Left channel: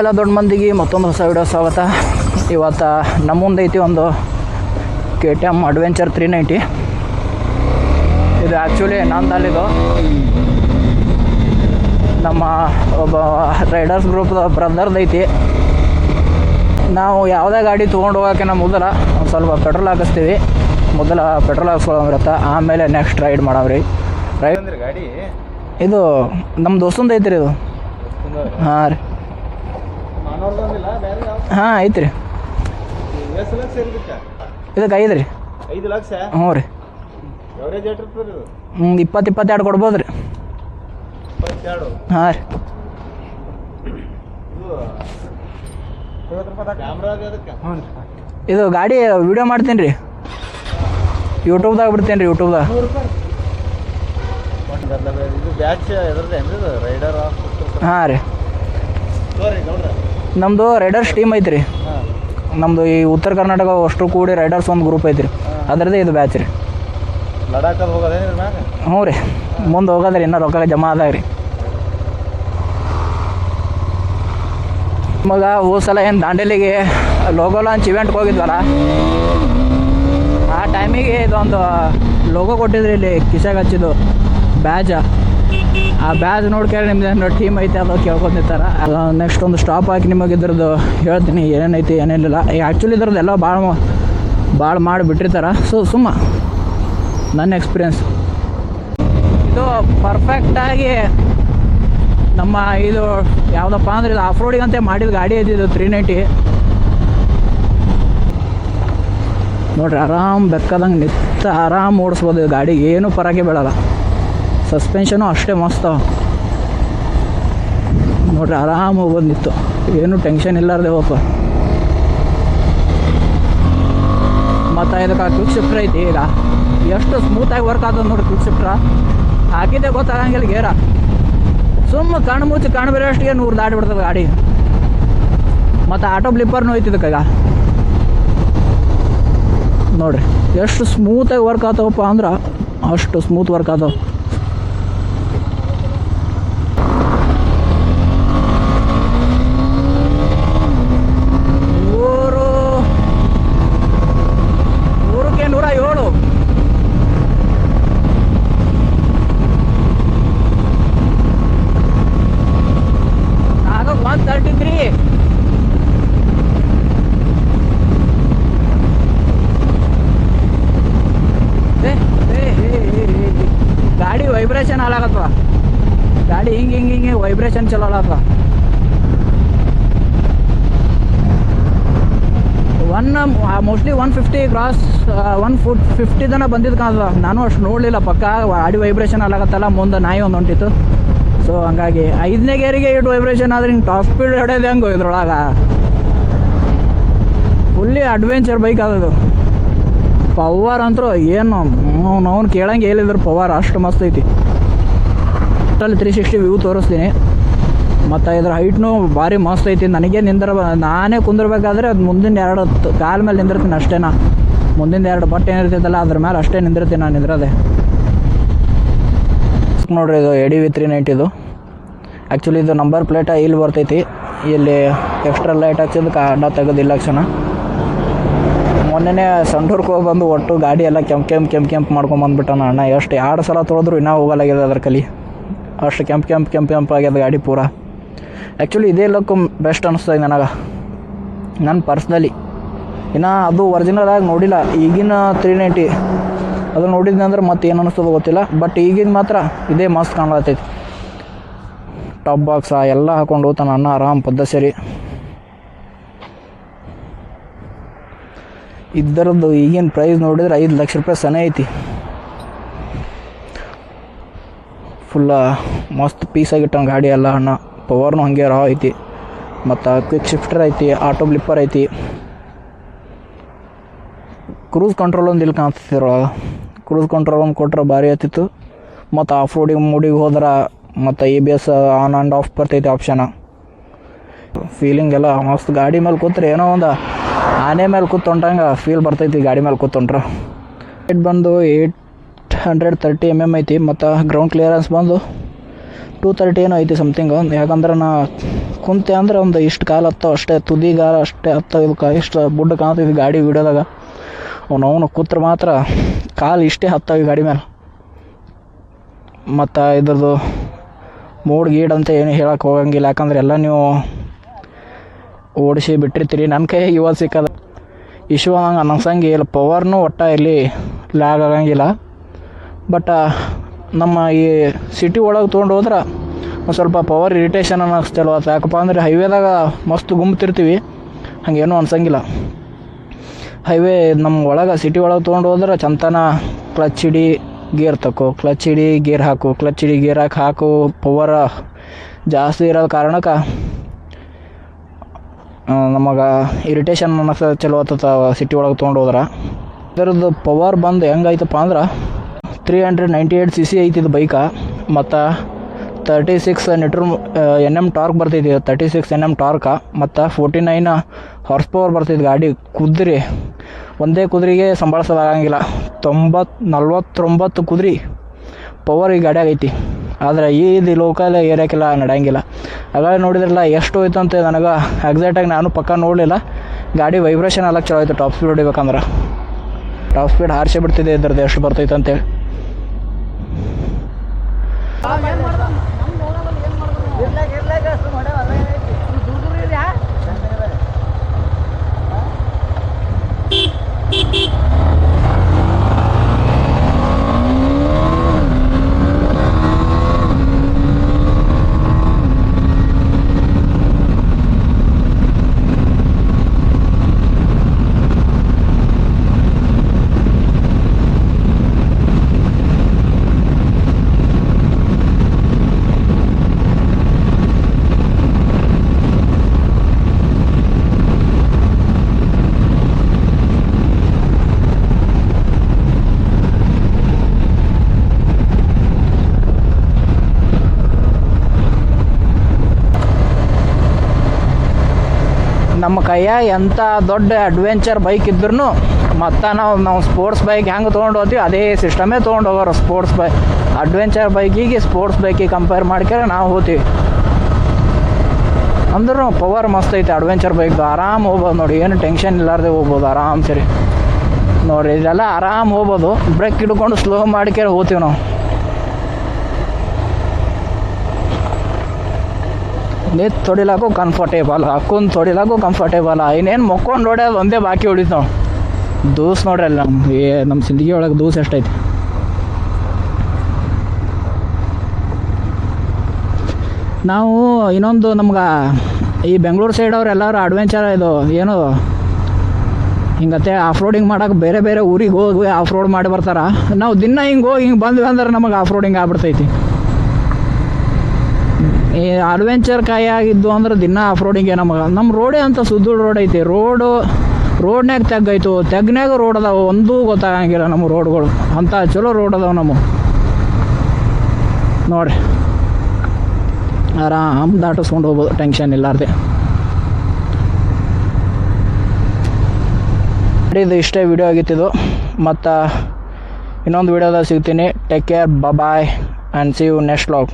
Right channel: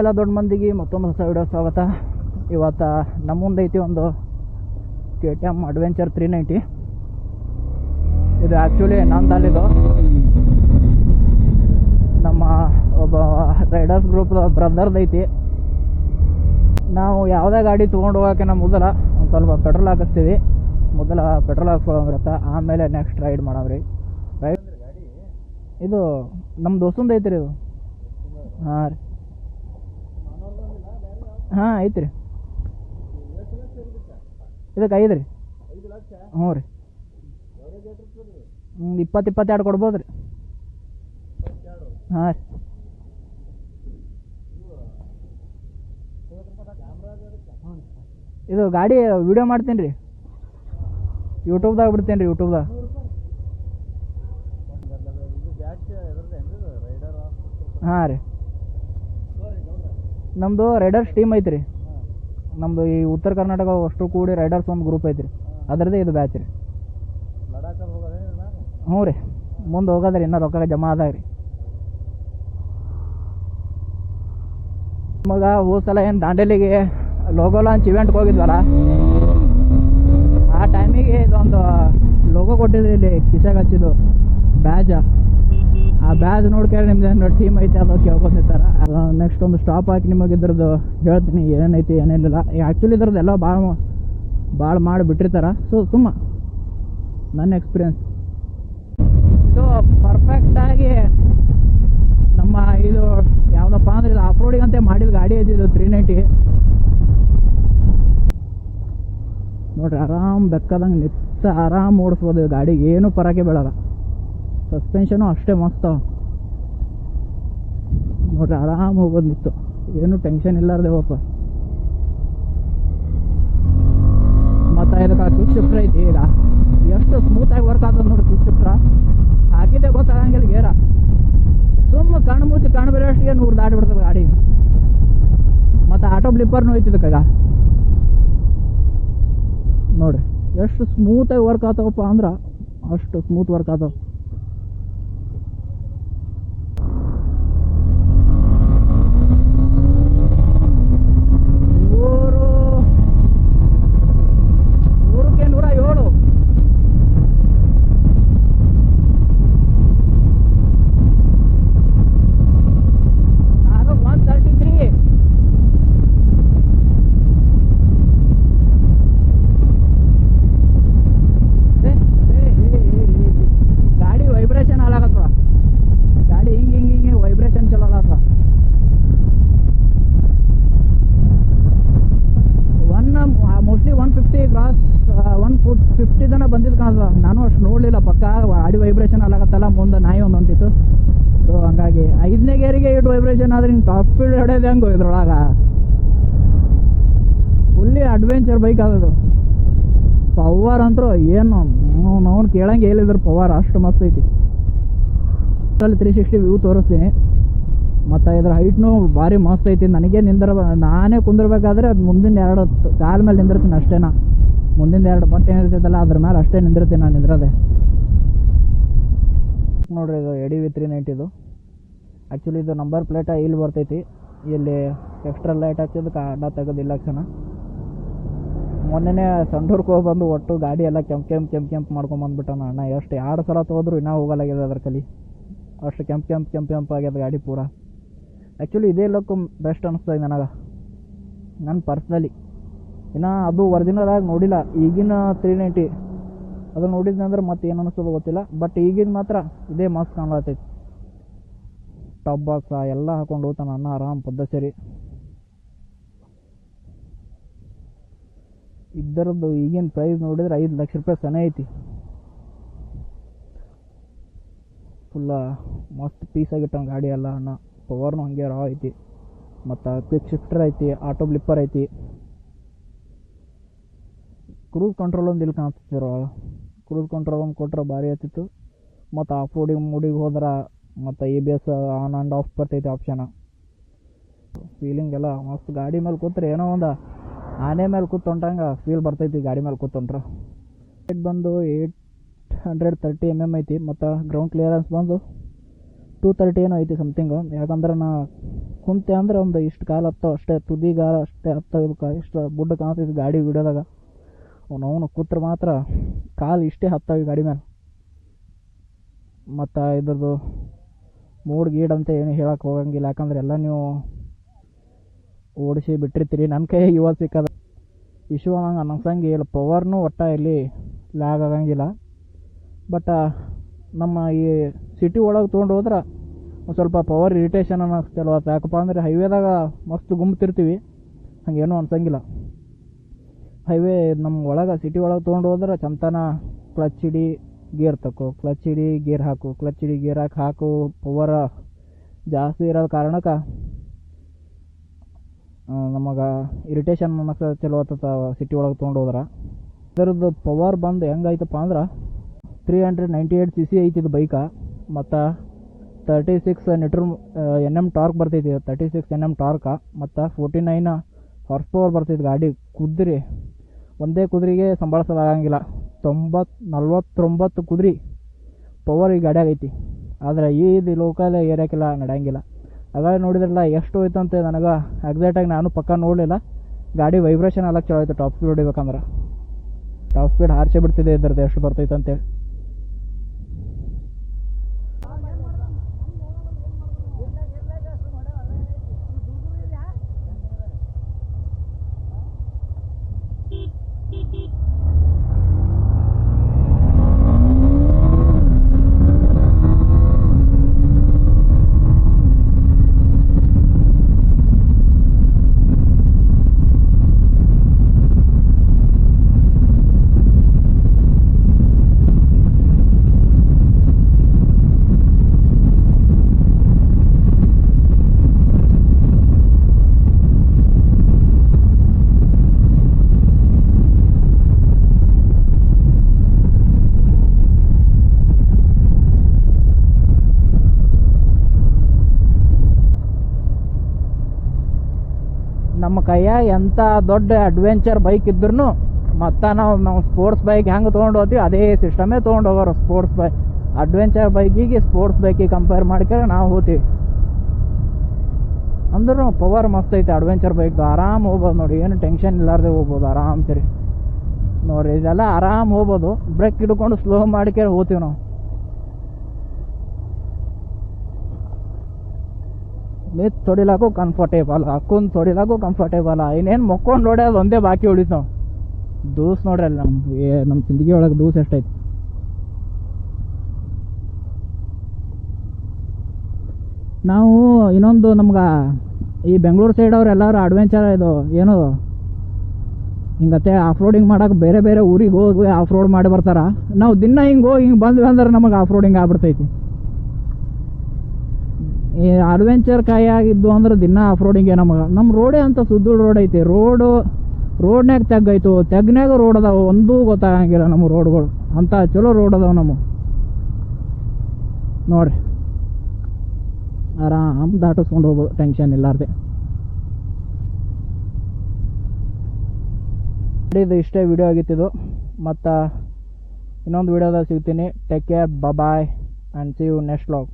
ಎಲ್ಲ ದೊಡ್ಡ ಮಂದಿಗೆ ಮತ್ತೊಂದು ಹೊಸ ವಿಡಿಯೋ ಸ್ವಾಗತ. ಇವತ್ತು ನಮ್ಮ ಮುಂದೆ ಐತಿ ಒಂದು K T M adventure three ninety ಇದು ಆ್ಯಕ್ಚುಲಿ ನಂದಲ್ಲಿದು ನಮ್ಮ ಒಬ್ಬ ರೈಡರ್ಸ್ ಗ್ರೂಪ್ದ ಬ್ರದರ್ದು ಐತಿ. ನಾವು ಯಾವುದೇ ಗಾಡಿ ತೊಗೊಂಡು ಹೋಗೋಕ್ಕಿಂತ ಮೊದಲ ಒಂದು ಸ್ವಲ್ಪ ಪೆಟ್ರೋಲ್ ಹಾಕಿಸ್ತೀವಿ. ಮೊದಲ ಪೆಟ್ರೋಲ್ ಹಾಕ್ಸ್ಕೊಳಂಗಿರುತ್ತೆ ಆಮೇಲೆ ನೆಕ್ಸ್ಟ್ ರೈಡ್ ಮಾಡವ್ರಿ ರೈಡ್ ಅಂದ್ರೆ ಗಾಡಿ ಇದು ನಮ್ಮ ದೋಸ್ತಂದು ಐತ್ರಿ ಇದು. ಹಾಂ ರೀ. ಹಾಂ ಐತ್ರಿ. ಇದಕ್ಕೆ ಐದು ರೀ ಐದು ಲಕ್ಷ? ಹ್ಞೂ ರೀ. ಹ್ಞೂ ಇಪ್ಪತ್ತು ಇಪ್ಪತ್ತೆರಡು? ಕೊಡ್ಬೋದು ರೀ. ಹಾಂ ರೀ. ಇದು ಗಾಡಿ ವಿಡಿಯೋ ಮಾಡ್ತೀನಿ ರೀ. ಯೂಟ್ಯೂಬ್ದಾಗ ಬಿಡ್ತೀನಿ ರೀ ಯೂಟ್ಯೂಬ್ದಾಗ. ಹಾಂ ರೀ. ನಮ್ಮದು ರೈಡರ್ಸ್ ಟೀಮ್ ಐತ್ರಿ. ರೀ ನಮ್ಮದು ಈ ಉತ್ತರ ಕರ್ನಾಟಕ ಅಷ್ಟು ಕೂಡಿ ರೈಡರ್ಸ್ ಒಂದು ಗ್ರೂಪ್ ಐತ್ರಿ. ಅದರದೇ ಇದು ಬ್ಯಾಚ್ ರೀ. ಹ್ಞೂ ರೀ. ಮುಂದೆ ಹೋಗೋದ್ರಿ ಇನ್ನೂ ರೊಕ್ಕ ಜಮಾ ಅದಾಗ ರೀ. ಮಗ ಹೋದ ಸಲ ಏನು ದಾಂಡೇಲಿಗೆ ಲೋಗೋ ಲಾಂಚ್ ಇವೆಂಟ್ಗೆ ಹೋಗಿದ್ವಲ್ಲ? ಆ ಟೈಮಿಗೆ ಇದೊಂದು ಲೋಗೋ ಕೊಟ್ಟಿದ್ರಿ ಇಲ್ಲಿ ಕಿಶಾಗ ಹಚ್ಚಿದ್ದು. ಬ್ಯಾಜ ಆ ಬ್ಯಾಜ್ ನೋಡ್ಕೊಂಡು ನಿಮ್ದು ಏನೋ ಟೀಮ್ ಐತೆ ಅದು ಕೇಳ್ಕೊಂಡಿರ್ತಾರ. ನೆಕ್ಸ್ಟ್ ಒಂದು ಸ್ಟಾಪ್ ಹಾಕಿ ನಿಮಗೆ ಇದ್ರದ್ದು ಹೇಳ್ತೀನಿ ಏನೇನೈತಿ ಏನೇನಿಲ್ಲ ಆ್ಯಕ್ಚುಲಿ ಇದ್ರದ್ದು ಎಲ್ಲ ಭಾಳ ಭಾಳ ಮಾಡಿ ಬಿಟ್ಟಿರ್ತಾರೆ. ಸೊ ಸುಮ್ಮ. ನನ್ನ ಎಕ್ಸ್ಪೀರಿಯನ್ಸ್ ಇದು ಪರ್ಫೆಕ್ಟಾಗಿ ನಮ್ಮ ಇದು ಯಾವುದಪ್ಪ ಅಂದ್ರೆ ಇದು ಆಫ್ ರೋಡಿಗೆ ಅಂತ ಮಾಡಿದ ಗಾಡಿ ಐತಿ ಇದು ತ್ರೀ ನೈಂಟಿ ನೋಡ್ರಿ, ಆರಾಮ್ ಬೆಕ್ಕದಂಗೆ ನಿತ್ತ ಆರಾಮ್ ಓಡಿಸ್ಬೋದು ಗಾಡಿಗೆ. ಗಾಡಿ ಏನೂ ಪರಾಗೆ ಬೀಳಲ್ಲ. ಸಸ್ಪೆನ್ಷನು ಅಷ್ಟೇ ಮಸ್ತ. ನೋಡ್ರಿ ಆರಾಮಾಗಿ ಬಂದಿತ್ತು ಏನು ಟೆನ್ಷನ್ ಇಲ್ಲಾರ್ದೆ ಹೋಗ ಮತ್ತು ಇದಕ್ಕೆ ಕ್ವಿಕ್ ಶಿಫ್ಟ್ರ್ ಐತಿ ಈಗ. ಎಷ್ಟು ಸ್ಮೂತಾಗಿ ವರ್ಕ್ ಆಗ್ತದೆ ನೋಡಿ ಕ್ವಿಕ್ ಶಿಫ್ಟ್ರ ಹಾಕಿದ್ದೆ ಗೊತ್ತಾಗಂಗಿಲ್ಲ ಗೇರ. ಸುಮ್ಮ ಕಣ್ಣು ಮುಚ್ಚಿ ಕಣ್ಣು ಅಷ್ಟಿಗೆ ನೂರು ದಾಟಿ ಬಿಡ್ತದೆ ಗಾಡಿ. ಮತ್ತು ಆಟೋ ಬ್ಲಿಪ್ಪರ್ನು ಐತಿ ಇದಕ್ಕೆ ಈಗ. ನೋಡ್ರಿ, ಎಷ್ಟು ಸ್ಮೂತಾಗಿ ವರ್ಕ್ ಆತವಪ್ಪ ಅಂದ್ರೆ ಅಷ್ಟು ಸ್ಮೂತ್ ವರ್ಕ್ ಆಗ್ತಾವ ನೂರು ನೂರಕ್ಕೆ ನೂರ ಏಳು ಆಗ ಒನ್ ತರ್ಟಿ ತ್ರೀ ಗಾಡಿ ವೈಬ್ರೇಷನ್ ಹಾಲಾಗತ್ವ ಗಾಡಿ ಹಿಂಗೆ ಹಿಂಗೆ ಹಿಂಗೆ ವೈಬ್ರೇಷನ್ ಚಲೋ ಆಗತ್ವ one mostly one fifty cross one foot fifty ತನ ಬಂದಿದ್ದು ಕಾಣ್ತದ ನಾನು ಅಷ್ಟು ನೋಡಲಿಲ್ಲ, ಪಕ್ಕ ಅಡಿ ವೈಬ್ರೇಷನ್ ಆಗತ್ತಲ್ಲ, ಮುಂದೆ ನಾಯಿ ಒಂದು ಹೊಂಟಿತ್ತು. ಸೊ ಹಂಗಾಗಿ ಐದನೇ ಗೇರಿಗೆ ಇಟ್ಟು ವೈಬ್ರೇಷನ್ ಆದ್ರೆ ಹಿಂಗೆ ಟಾಪ್ ಸ್ಪೀಡ್ ಹೊಡೆಯೋದು ಹೆಂಗೋ ಇದ್ರೊಳಗೆ? ಫುಲ್ಲಿ ಅಡ್ವೆಂಚರ್ ಬೈಕ್ ಆದದು ಪವರ್ ಅಂತೂ ಏನು ಅವ್ನು ಕೇಳಂಗೆ ಹೇಳಿದ್ರು ಪವರ್ ಅಷ್ಟು ಮಸ್ತ್ ಐತಿ. ತ್ರೀ ಸಿಕ್ಸ್ಟಿ ವ್ಯೂ ತೋರಿಸ್ತೀನಿ. ಮತ್ತು ಇದ್ರ ಹೈಟ್ನು ಭಾರಿ ಮಸ್ತ್ ಐತಿ. ನನಗೆ ನಿಂದ್ರ ನಾನೇ ಕುಂದಿರ್ಬೇಕಾದ್ರೆ ಅದು ಮುಂದಿನ ಎರಡು ಕಾಲ ಮೇಲೆ ನಿಂದಿರ್ತೀನಿ ಅಷ್ಟೇನಾ. ಮುಂದಿನ ಎರಡು ಬಟ್ಟೆ ಏನಿರ್ತೈತಲ್ಲ, ಅದ್ರ ಮೇಲೆ ಅಷ್ಟೇ ನಿಂದಿರ್ತೀನಿ ನಾನು ನಿಂದ್ರದೆ ನೋಡ್ರಿ, ಇದು ಎಡಿ ವಿ ತ್ರೀ ನೈಂಟಿದು ಆ್ಯಕ್ಚುಲಿ ಇದು. ನಂಬರ್ ಪ್ಲೇಟ ಇಲ್ಲಿ ಬರ್ತೈತಿ. ಇಲ್ಲಿ ಎಕ್ಸ್ಟ್ರಾ ಲೈಟ್ ಹಚ್ಚಿದ್ದಕ್ಕೆ ಅಡ್ಡ ತೆಗೆದಿಲ್ಲ ಕ್ಷಣ. ಮೊನ್ನೆನೇ ಸಂಡೂರ್ಗೆ ಹೋಗಿ ಬಂದು ಒಟ್ಟು ಗಾಡಿ ಎಲ್ಲ ಕೆಂಪು ಕೆಂಪು ಕೆಂಪು ಕೆಂಪು ಮಾಡ್ಕೊಂಬಂದ್ಬಿಟ್ಟಾನ ಅಣ್ಣ. ಎಷ್ಟು ಎರಡು ಸಲ ತೊಳೆದ್ರು ಇನ್ನೂ ಹೋಗಲಾಗಿದೆ ಅದ್ರ ಕಲಿ. ಅಷ್ಟು ಕೆಂಪು ಕೆಂಪು ಕೆಂಪು ಕೆಂಪು ಆಗ್ಯದ ಗಾಡಿ ಪೂರ. ಆ್ಯಕ್ಚುಲಿ ಇದೇ ಲುಕ್ ಬೆಸ್ಟ್ ಅನಿಸ್ತದೆ ನನಗೆ. ನನ್ನ ಪರ್ಸ್ನಲಿ ಇನ್ನು ಅದು ಒರಿಜಿನಲ್ ಆಗಿ ನೋಡಿಲ್ಲ. ಈಗಿನ ತ್ರೀ ನೈಂಟಿ ಅದು ನೋಡಿದ್ನಿ ಅಂದ್ರೆ ಮತ್ತೆ ಏನು ಅನಿಸ್ತದೆ ಗೊತ್ತಿಲ್ಲ. ಬಟ್ ಈಗಿನ ಮಾತ್ರ ಇದೇ ಮಸ್ತ್ ಕಾಣ್ಲತ್ತೈತಿ. ಟಾಪ್ ಬಾಕ್ಸ ಎಲ್ಲ ಹಾಕೊಂಡು ಹೋಗ್ತಾನೆ ಅಣ್ಣ, ಆರಾಮ್ ಪದ್ದ ಸರಿ. ಇದರದ್ದು ಈಗಿನ ಪ್ರೈಸ್ ನೋಡಿದ್ರೆ ಐದು ಲಕ್ಷ ರೂಪಾಯಿ ಸನೇ ಐತಿ. ಫುಲ್ಲ ಮಸ್ತ್ ಪೀಸಾಗಿಟ್ಟಾನ ಗಾಡಿ ಎಲ್ಲ ಅಣ್ಣ. ಪವರ್ನು ಹಾಗೆ ರಾ ಐತಿ. ಮತ್ತು ಕ್ವಿಕ್ ಶಿಫ್ಟರ್ ಐತಿ ಆಟೋ ಬ್ಲಿಪ್ಪರ್ ಐತಿ. ಕ್ರೂಸ್ ಕಂಟ್ರೋಲ್ ಒಂದು ಇಲ್ಲಿ ಕಾಣ್ತಿದ್ರೊಳಗೆ ಕ್ರೂಸ್ ಕಂಟ್ರೋಲ್ ಒಂದು ಕೊಟ್ರೆ ಭಾರಿ ಆಯ್ತಿತ್ತು ಮತ್ತು ಆಫ್ ರೋಡಿಗೆ ಮೂಡಿಗೆ ಹೋದ್ರೆ ಮತ್ತು A B S on and off ಬರ್ತೈತಿ ಆಪ್ಷನ್ ಫೀಲಿಂಗ್ ಎಲ್ಲ ಮಸ್ತ್. ಗಾಡಿ ಮೇಲೆ ಕೂತ್ರೆ ಏನೋ ಒಂದು ಆನೆ ಮೇಲೆ ಕೂತ್ಕೊಂಡಂಗೆ ಫೀಲ್ ಬರ್ತೈತಿ ಗಾಡಿ ಮೇಲೆ ಕೂತ್ಕೊಂಡ್ರೆ. ಏಟ್ ಬಂದು eight hundred thirty M M ಐತಿ. ಮತ್ತು ಗ್ರೌಂಡ್ ಕ್ಲಿಯರೆನ್ಸ್ ಬಂದು ಟೂ ತರ್ಟಿ ಏನೋ ಐತಿ ಸಮಥಿಂಗ್ ಯಾಕಂದ್ರೆ ನಾ ಕುಂತೆ ಅಂದ್ರೆ ಒಂದು ಇಷ್ಟು ಕಾಲು ಹತ್ತೋ ಅಷ್ಟೇ ತುದಿಗಾಲ ಅಷ್ಟೇ ಹತ್ತೋ ಇದಕ್ಕೆ ಇಷ್ಟು ಬುಡ್ಡ ಕಾಣ್ತಿದ್ವಿ ಗಾಡಿ ವಿಡಿಯೋದಾಗ. ಅವ್ನು ಅವನು ಕೂತ್ರೆ ಮಾತ್ರ ಕಾಲು ಇಷ್ಟೇ ಹತ್ತೋಗಿ ಗಾಡಿ ಮೇಲೆ ಮತ್ತು ಇದ್ರದ್ದು ಮೂಡ್ ಗೀಡ್ ಅಂತ ಏನು ಹೇಳಕ್ಕೆ ಹೋಗಂಗಿಲ್ಲ, ಯಾಕಂದ್ರೆ ಎಲ್ಲ ನೀವು ಓಡಿಸಿ ಬಿಟ್ಟಿರ್ತೀರಿ. ನನ್ನ ಕೈ ಇವತ್ತು ಸಿಕ್ಕದ ಇಶ್ಯೂ ಹಂಗೆ ಅನ್ನಿಸಂಗೆ ಇಲ್ಲ ಪವರ್ನು ಒಟ್ಟ ಇಲ್ಲಿ ಲ್ಯಾಗ್ ಆಗಂಗಿಲ್ಲ. ಬಟ್ ನಮ್ಮ ಈ ಸಿಟಿ ಒಳಗೆ ತೊಗೊಂಡು ಹೋದ್ರೆ ಒಂದು ಸ್ವಲ್ಪ ಪವರ್ ಇರಿಟೇಷನ್ ಅನ್ನಿಸ್ತಲ್ವ ಯಾಕಪ್ಪ ಅಂದರೆ ಹೈವೇದಾಗ ಮಸ್ತ್ ಗುಮ್ತಿರ್ತೀವಿ. ಹಾಗೇನೂ ಅನ್ಸಂಗಿಲ್ಲ. ಹೈವೇ ನಮ್ಮ ಒಳಗೆ ಸಿಟಿ ಒಳಗೆ ತೊಗೊಂಡು ಹೋದ್ರೆ ಚಂತನ ಕ್ಲಚ್ ಹಿಡಿ ಗೇರ್ ತಕೋ ಕ್ಲಚ್ ಹಿಡಿ ಗೇರ್ ಹಾಕು. ಕ್ಲಚ್ ಹಿಡಿ ಗೇರ್ ಹಾಕಿ ಹಾಕು ಪವರ್ ಜಾಸ್ತಿ ಇರೋ ಕಾರಣಕ್ಕೆ ನಮಗೆ ಇರಿಟೇಷನ್ ಅನ್ನಿಸ ಚಲೋ ಆತತ ಸಿಟಿ ಒಳಗೆ ತೊಗೊಂಡು ಹೋದ್ರೆ. ಇದರದ್ದು ಪವರ್ ಬಂದು ಹೆಂಗಾಯ್ತಪ್ಪ ಅಂದ್ರೆ three hundred ninety eight C C ಐತಿ ಇದು ಬೈಕ. ಮತ್ತು ತರ್ಟಿ ಸಿಕ್ಸ್ ನಿಟ್ರ್ ಎನ್ ಎಂ ಟಾರ್ಕ್ ಬರ್ತೈತಿ thirty six N M torque ಮತ್ತು ಫೋರ್ಟಿ ನೈನ್ ಹಾರ್ಸ್ ಪವರ್ ಬರ್ತೈತಿ ಗಾಡಿ. ಕುದುರೆ, ಒಂದೇ ಕುದುರೆಗೆ ಸಂಭಾಳಿಸೋದಾಗಂಗಿಲ್ಲ. ತೊಂಬತ್ತು ನಲ್ವತ್ತೊಂಬತ್ತು ಕುದುರೆ ಪವರ್ ಈ ಗಾಡಿಯಾಗ ಐತಿ. ಆದರೆ ಈ ಇದು ಲೋಕಲ್ ಏರಿಯಾಕ್ಕೆಲ್ಲ ನಡೆಯಂಗಿಲ್ಲ. ಆಗಾಗ ನೋಡಿದ್ರಲ್ಲ ಎಷ್ಟು ಹೋಯ್ತು ಅಂತ ನನಗೆ ಎಕ್ಸಾಕ್ಟಾಗಿ ನಾನು ಪಕ್ಕ ನೋಡಲಿಲ್ಲ. ಗಾಡಿ ವೈಬ್ರೇಷನ್ ಎಲ್ಲ ಚಲೋ ಆಯಿತು. ಟಾಪ್ ಸ್ಪೀಡ್ ಹೊಡಿಬೇಕಂದ್ರೆ. ಟಾಪ್ ಸ್ಪೀಡ್ ಹಾರಿಸಿ ಬಿಡ್ತಿದೆ ಇದ್ರದ್ದು ಎಷ್ಟು ಬರ್ತೈತೆ ಅಂತೇಳಿ. Oh yeah. ಕೈಯಾಗ ಎಂಥ ದೊಡ್ಡ ಅಡ್ವೆಂಚರ್ ಬೈಕ್ ಇದ್ರೂ ಮತ್ತು ನಾವು ನಾವು ಸ್ಪೋರ್ಟ್ಸ್ ಬೈಕ್ ಹೆಂಗೆ ತೊಗೊಂಡು ಹೋಗ್ತೀವಿ, ಅದೇ ಸಿಸ್ಟಮೇ ತೊಗೊಂಡು ಹೋಗೋರು ಸ್ಪೋರ್ಟ್ಸ್ ಬೈಕ್ ಅಡ್ವೆಂಚರ್ ಬೈಕಿಗೆ ಸ್ಪೋರ್ಟ್ಸ್ ಬೈಕಿಗೆ ಕಂಪೇರ್ ಮಾಡ್ಕೊಂಡ್ರೆ ನಾವು ಹೋಗ್ತೀವಿ. ಅಂದ್ರೂ ಪವರ್ ಮಸ್ತ್ ಐತೆ ಅಡ್ವೆಂಚರ್ ಬೈಕ್ ಆರಾಮ್ ಹೋಗ್ಬೋದು ನೋಡಿ, ಏನು ಟೆನ್ಷನ್ ಇಲ್ಲಾರ್ದೆ ಹೋಗ್ಬೋದು ಆರಾಮ್ ಸರಿ ನೋಡಿ ಇದೆಲ್ಲ ಆರಾಮ್ ಹೋಗ್ಬೋದು. ಬ್ರೇಕ್ ಹಿಡ್ಕೊಂಡು ಸ್ಲೋ ಮಾಡ್ಕೊಂಡು ಹೋಗ್ತೀವಿ ನಾವು. ನಿಂತು ತೊಡಿಲಾಕು ಕಂಫರ್ಟೇಬಲ್ ಹಾಕೊಂಡು ತೊಡಿಲಾಕು ಕಂಫರ್ಟೇಬಲ್ ಇನ್ನೇನು ಮಕ್ಕೊಂಡು ಹೊಡ್ಯೋದು ಒಂದೇ ಬಾಕಿ ಉಳಿತು. ನಾವು ದೂಸ್ ನೋಡ್ರಿ ಅಲ್ಲಿ ನಮ್ಮ ಏ ನಮ್ಮ ಸಿಂದಗಿ ಒಳಗೆ ದೂಸ್ ಎಷ್ಟೈತಿ. ನಾವು ಇನ್ನೊಂದು ನಮ್ಗೆ ಈ ಬೆಂಗಳೂರು ಸೈಡ್ ಎಲ್ಲರೂ ಅಡ್ವೆಂಚರ್ ಇದು, ಏನು, ಹಿಂಗತ್ತೆ ಆಫ್ ರೋಡಿಂಗ್ ಮಾಡೋಕೆ ಬೇರೆ ಬೇರೆ ಊರಿಗೆ ಹೋಗಿ ಆಫ್ ರೋಡ್ ಮಾಡಿ ಬರ್ತಾರೆ. ನಾವು ದಿನ ಹಿಂಗೆ ಹೋಗಿ ಹಿಂಗೆ ಬಂದ್ವಿ ಅಂದ್ರೆ ನಮಗೆ ಆಫ್ ರೋಡಿಂಗ್ ಆಗ್ಬಿಡ್ತೈತಿ. ಈ ಅಡ್ವೆಂಚರ್ ಕಾಯಾಗಿದ್ದು ಅಂದ್ರೆ ದಿನ ಆಫ್ ರೋಡಿಂಗ್ ನಮಗೆ. ನಮ್ಮ ರೋಡೇ ಅಂತ ಸುದ್ದೂರು ರೋಡ್ ಐತಿ. ರೋಡು ರೋಡ್ನ್ಯಾಗ ತೆಗ್ಗೈತು ತೆಗ್ನ್ಯಾಗ ರೋಡ್ ಅದಾವ. ಒಂದೂ ಗೊತ್ತಾಗಂಗಿಲ್ಲ ನಮ್ಮ ರೋಡ್ಗಳು ಅಂಥ ಚಲೋ ರೋಡ್ ಅದಾವೆ ನಮ್ಮ ನೋಡ್ರಿ. ಆರಾಮ್ ದಾಟಿಸ್ಕೊಂಡು ಹೋಗ್ಬೋದು. ಟೆನ್ಷನ್ ಇಲ್ಲಾರ್ದೆ. ಇದು ಇಷ್ಟೇ ವಿಡಿಯೋ ಆಗಿತ್ತಿದ್ದು ಮತ್ತು ಇನ್ನೊಂದು ವಿಡಿಯೋದಾಗ ಸಿಗ್ತೀನಿ. Take care bye and see you next vlog